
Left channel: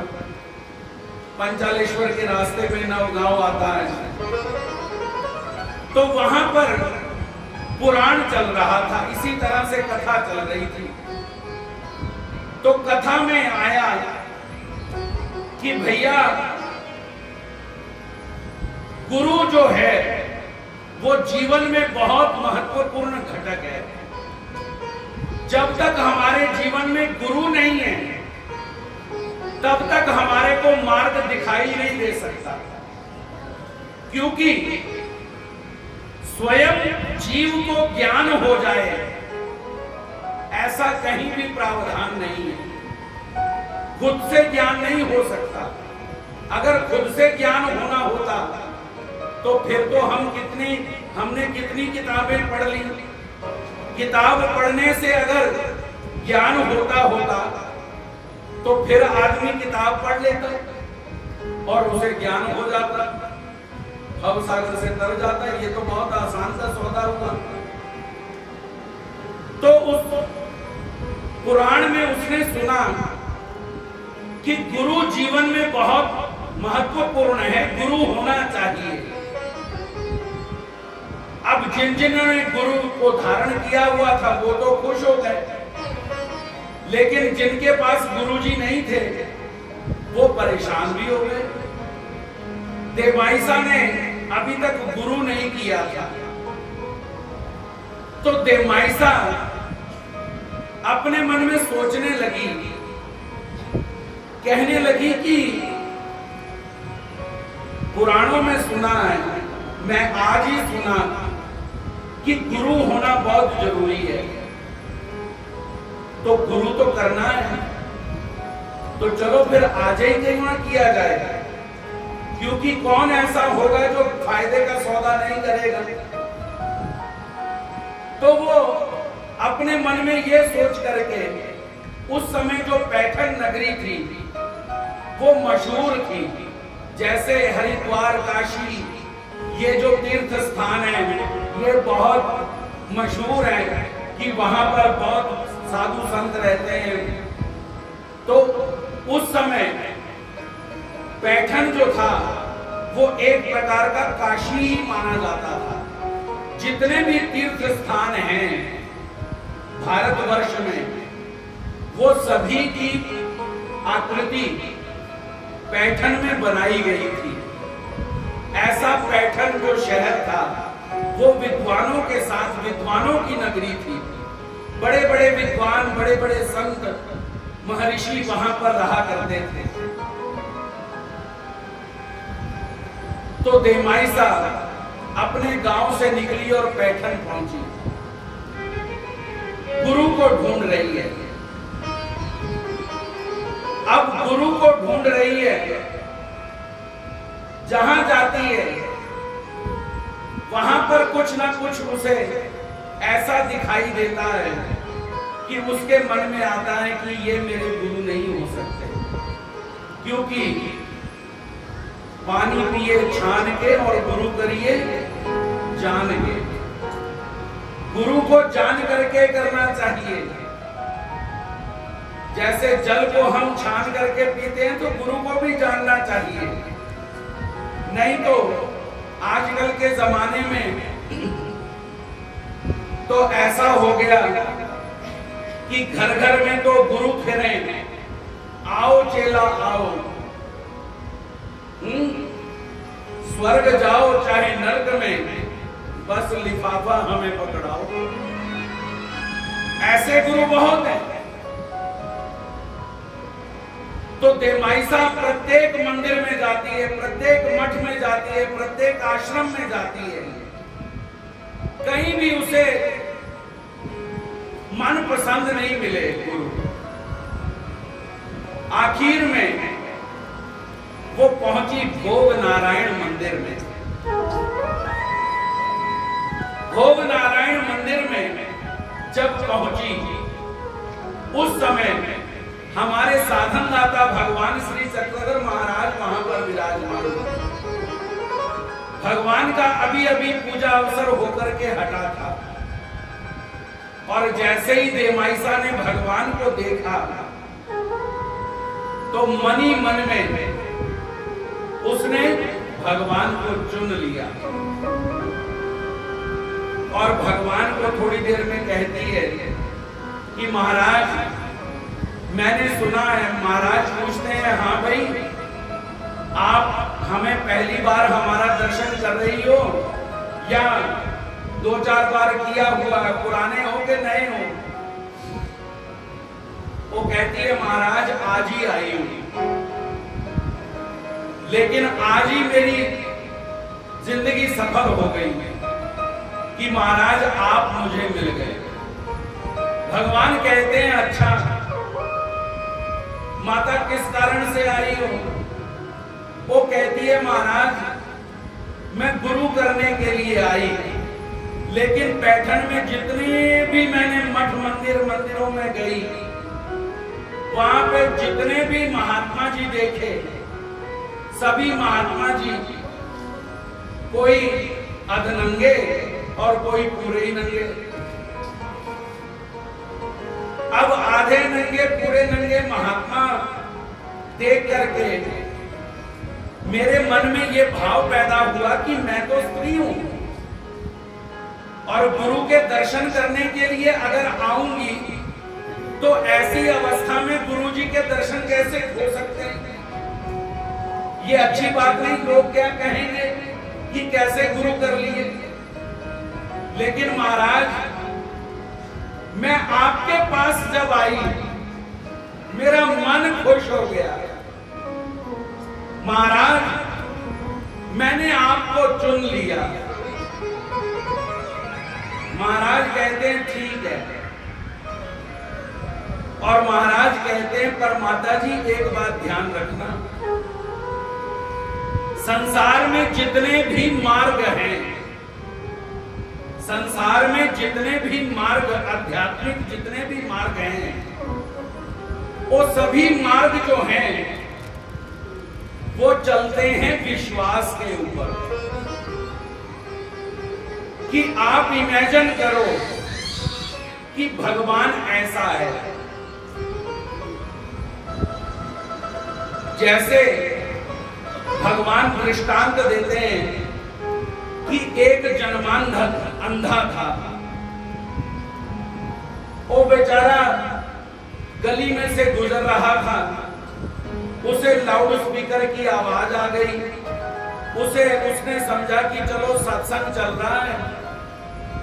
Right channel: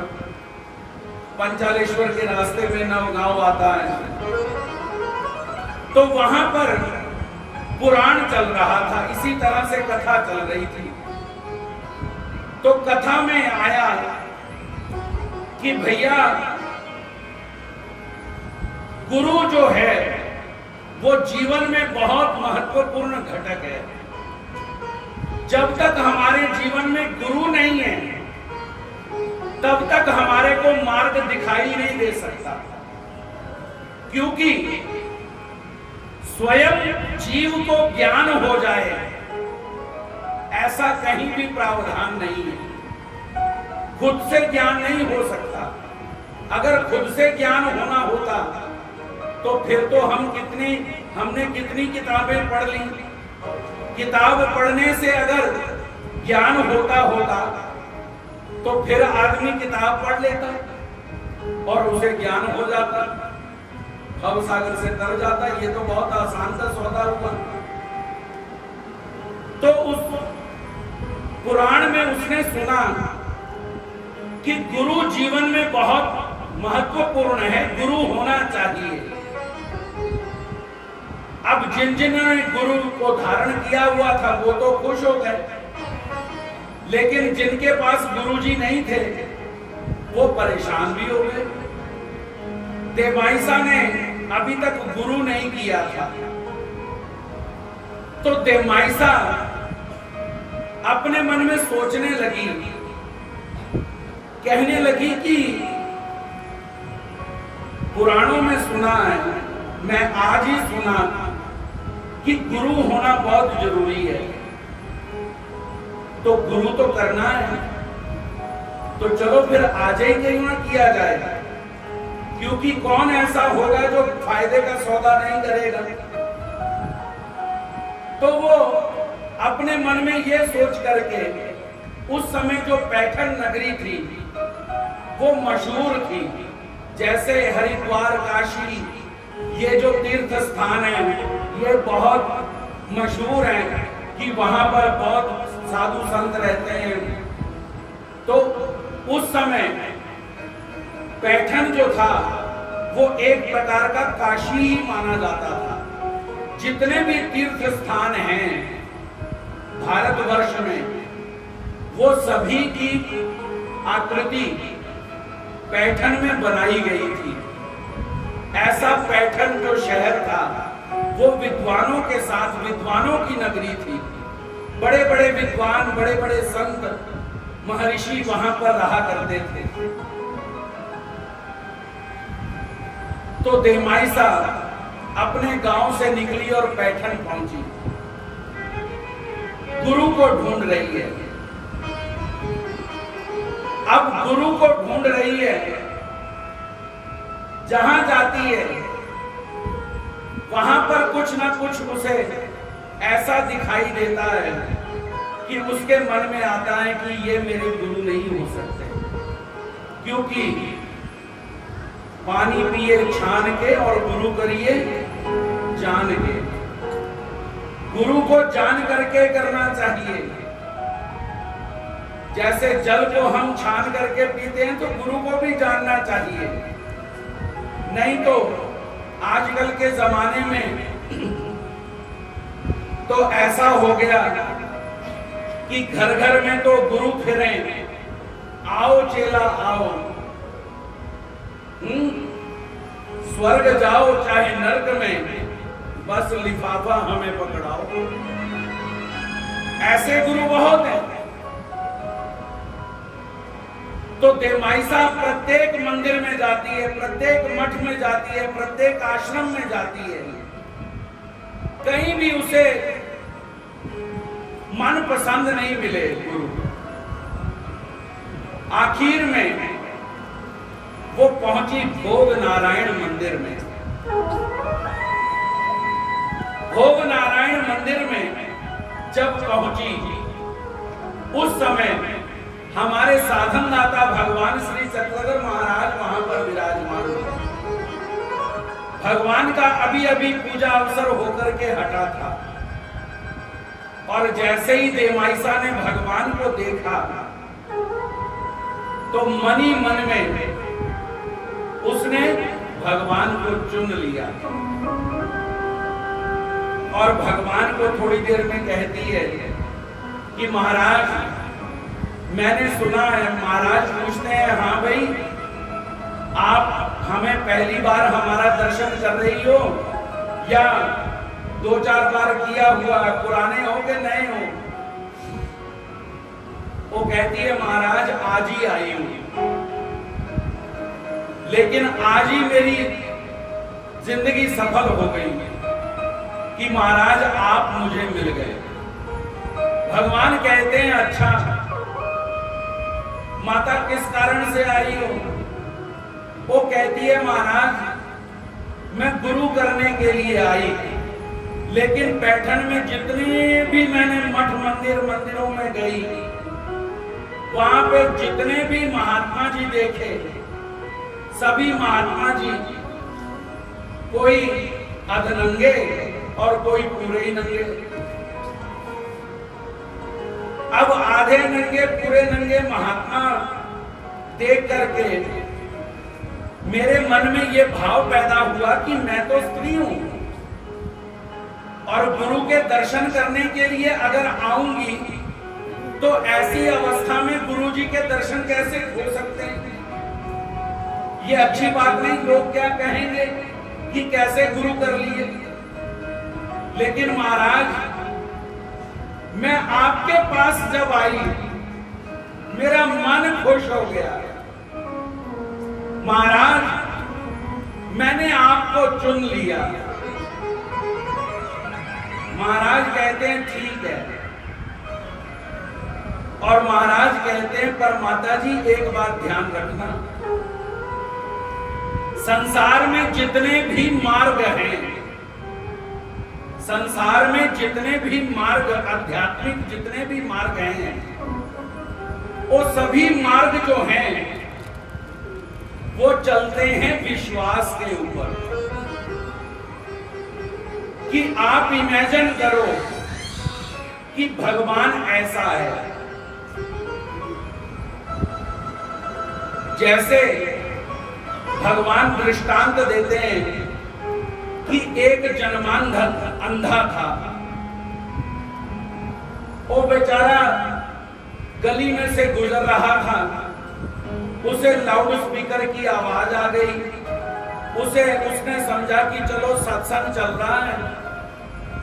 पंचालेश्वर के रास्ते में नवगांव आता है। तो वहां पर पुराण चल रहा था, इसी तरह से कथा चल रही थी। तो कथा में आया कि भैया गुरु जो है वो जीवन में बहुत महत्वपूर्ण घटक है। जब तक हमारे जीवन में गुरु नहीं है तब तक हमारे को मार्ग दिखाई नहीं दे सकता, क्योंकि स्वयं जीव को ज्ञान हो जाए ऐसा कहीं भी प्रावधान नहीं है। खुद से ज्ञान नहीं हो सकता। अगर खुद से ज्ञान होना होता तो फिर तो हमने कितनी किताबें पढ़ ली। किताब पढ़ने से अगर ज्ञान होता तो फिर आदमी किताब पढ़ लेता और उसे ज्ञान हो जाता, भवसागर से तर जाता। ये तो बहुत आसान सा सौदा हुआ। तो उस पुराण में उसने सुना कि गुरु जीवन में बहुत महत्वपूर्ण है, गुरु होना चाहिए। अब जिन्होंने गुरु को धारण किया हुआ था वो तो खुश हो गए, लेकिन जिनके पास गुरुजी नहीं थे वो परेशान भी हो गए। देमाइसा ने अभी तक गुरु नहीं किया था, तो देमाइसा अपने मन में सोचने लगी, कहने लगी कि पुराणों में सुना है, मैं आज ही सुना कि गुरु होना बहुत जरूरी है। तो गुरु तो करना है, तो चलो फिर आज ही क्यों ना किया जाए, क्योंकि कौन ऐसा होगा जो फायदे का सौदा नहीं करेगा। तो वो अपने मन में ये सोच करके, उस समय जो पैठन नगरी थी वो मशहूर थी, जैसे हरिद्वार, काशी, ये जो तीर्थ स्थान है ये बहुत मशहूर है कि वहां पर बहुत साधु संत रहते हैं। तो उस समय पैठन जो था वो एक प्रकार का काशी ही माना जाता था। जितने भी तीर्थ स्थान हैं भारतवर्ष में वो सभी की आकृति पैठन में बनाई गई थी। ऐसा पैठन जो शहर था वो विद्वानों के साथ, विद्वानों की नगरी थी। बड़े बड़े विद्वान, बड़े बड़े संत, महर्षि वहां पर रहा करते थे। तो देमाइसा अपने गांव से निकली और पैठन पहुंची, गुरु को ढूंढ रही है। अब गुरु को ढूंढ रही है, जहां जाती है वहां पर कुछ ना कुछ उसे ऐसा दिखाई देता है कि उसके मन में आता है कि ये मेरे गुरु नहीं हो सकते, क्योंकि पानी पिए छान के और गुरु करिए जान के। गुरु को जान करके करना चाहिए। जैसे जल को हम छान करके पीते हैं तो गुरु को भी जानना चाहिए। नहीं तो आजकल के जमाने में तो ऐसा हो गया कि घर घर में तो गुरु फिरे, आओ चेला आओ, स्वर्ग जाओ चाहे नर्क में, बस लिफाफा हमें पकड़ाओ। ऐसे गुरु बहुत हैं। तो देमाइसा प्रत्येक मंदिर में जाती है, प्रत्येक मठ में जाती है, प्रत्येक आश्रम में जाती है, कहीं भी उसे मन पसंद नहीं मिले गुरु। आखिर में वो पहुंची भोग नारायण मंदिर में। भोग नारायण मंदिर में जब पहुंची, उस समय हमारे साधन दाता भगवान श्री चक्रधर महाराज वहां पर विराजमान थे। भगवान का अभी अभी पूजा अवसर होकर के हटा था, और जैसे ही देवमाइसा ने भगवान को देखा तो मन ही मन में उसने भगवान को चुन लिया, और भगवान को थोड़ी देर में कहती है कि महाराज, मैंने सुना है। महाराज पूछते हैं, हाँ भाई, आप हमें पहली बार हमारा दर्शन कर रही हो या 2-4 बार किया हुआ, पुराने हो के नए हो? वो कहती है, महाराज आज ही आई हूं, लेकिन आज ही मेरी जिंदगी सफल हो गई कि महाराज आप मुझे मिल गए। भगवान कहते हैं, अच्छा माता किस कारण से आई हो? वो कहती है, महाराज मैं गुरु करने के लिए आई, लेकिन पैठण में जितने भी मैंने मठ मंदिरों में गई, वहां पे जितने भी महात्मा जी देखे, सभी महात्मा जी कोई अधनंगे और कोई पूरे ही नंगे। अब आधे नंगे पूरे नंगे महात्मा देख करके मेरे मन में ये भाव पैदा हुआ कि मैं तो स्त्री हूं, और गुरु के दर्शन करने के लिए अगर आऊंगी तो ऐसी अवस्था में गुरु जी के दर्शन कैसे हो सकते हैं? ये अच्छी बात नहीं। लोग क्या कहेंगे कि कैसे गुरु कर लिए। लेकिन महाराज, मैं आपके पास जब आई, मेरा मन खुश हो गया। महाराज, मैंने आपको चुन लिया। महाराज कहते हैं, ठीक है। और महाराज कहते हैं, पर माता जी एक बात ध्यान रखना, संसार में जितने भी मार्ग हैं, संसार में जितने भी मार्ग, आध्यात्मिक जितने भी मार्ग हैं, वो सभी मार्ग जो हैं वो चलते हैं विश्वास के ऊपर। कि आप इमेजिन करो कि भगवान ऐसा है, जैसे भगवान दृष्टांत देते हैं कि एक जन्मांध अंधा था। वो बेचारा गली में से गुजर रहा था, उसे लाउड स्पीकर की आवाज आ गई। उसने समझा कि चलो सत्संग चल रहा है,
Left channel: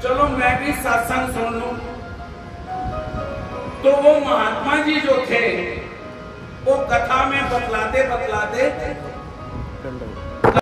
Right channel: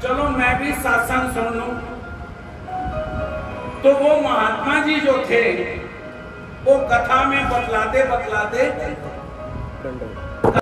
चलो मैं भी सत्संग सुन लूं। तो वो महात्मा जी जो थे, वो कथा में बतलाते बतलाते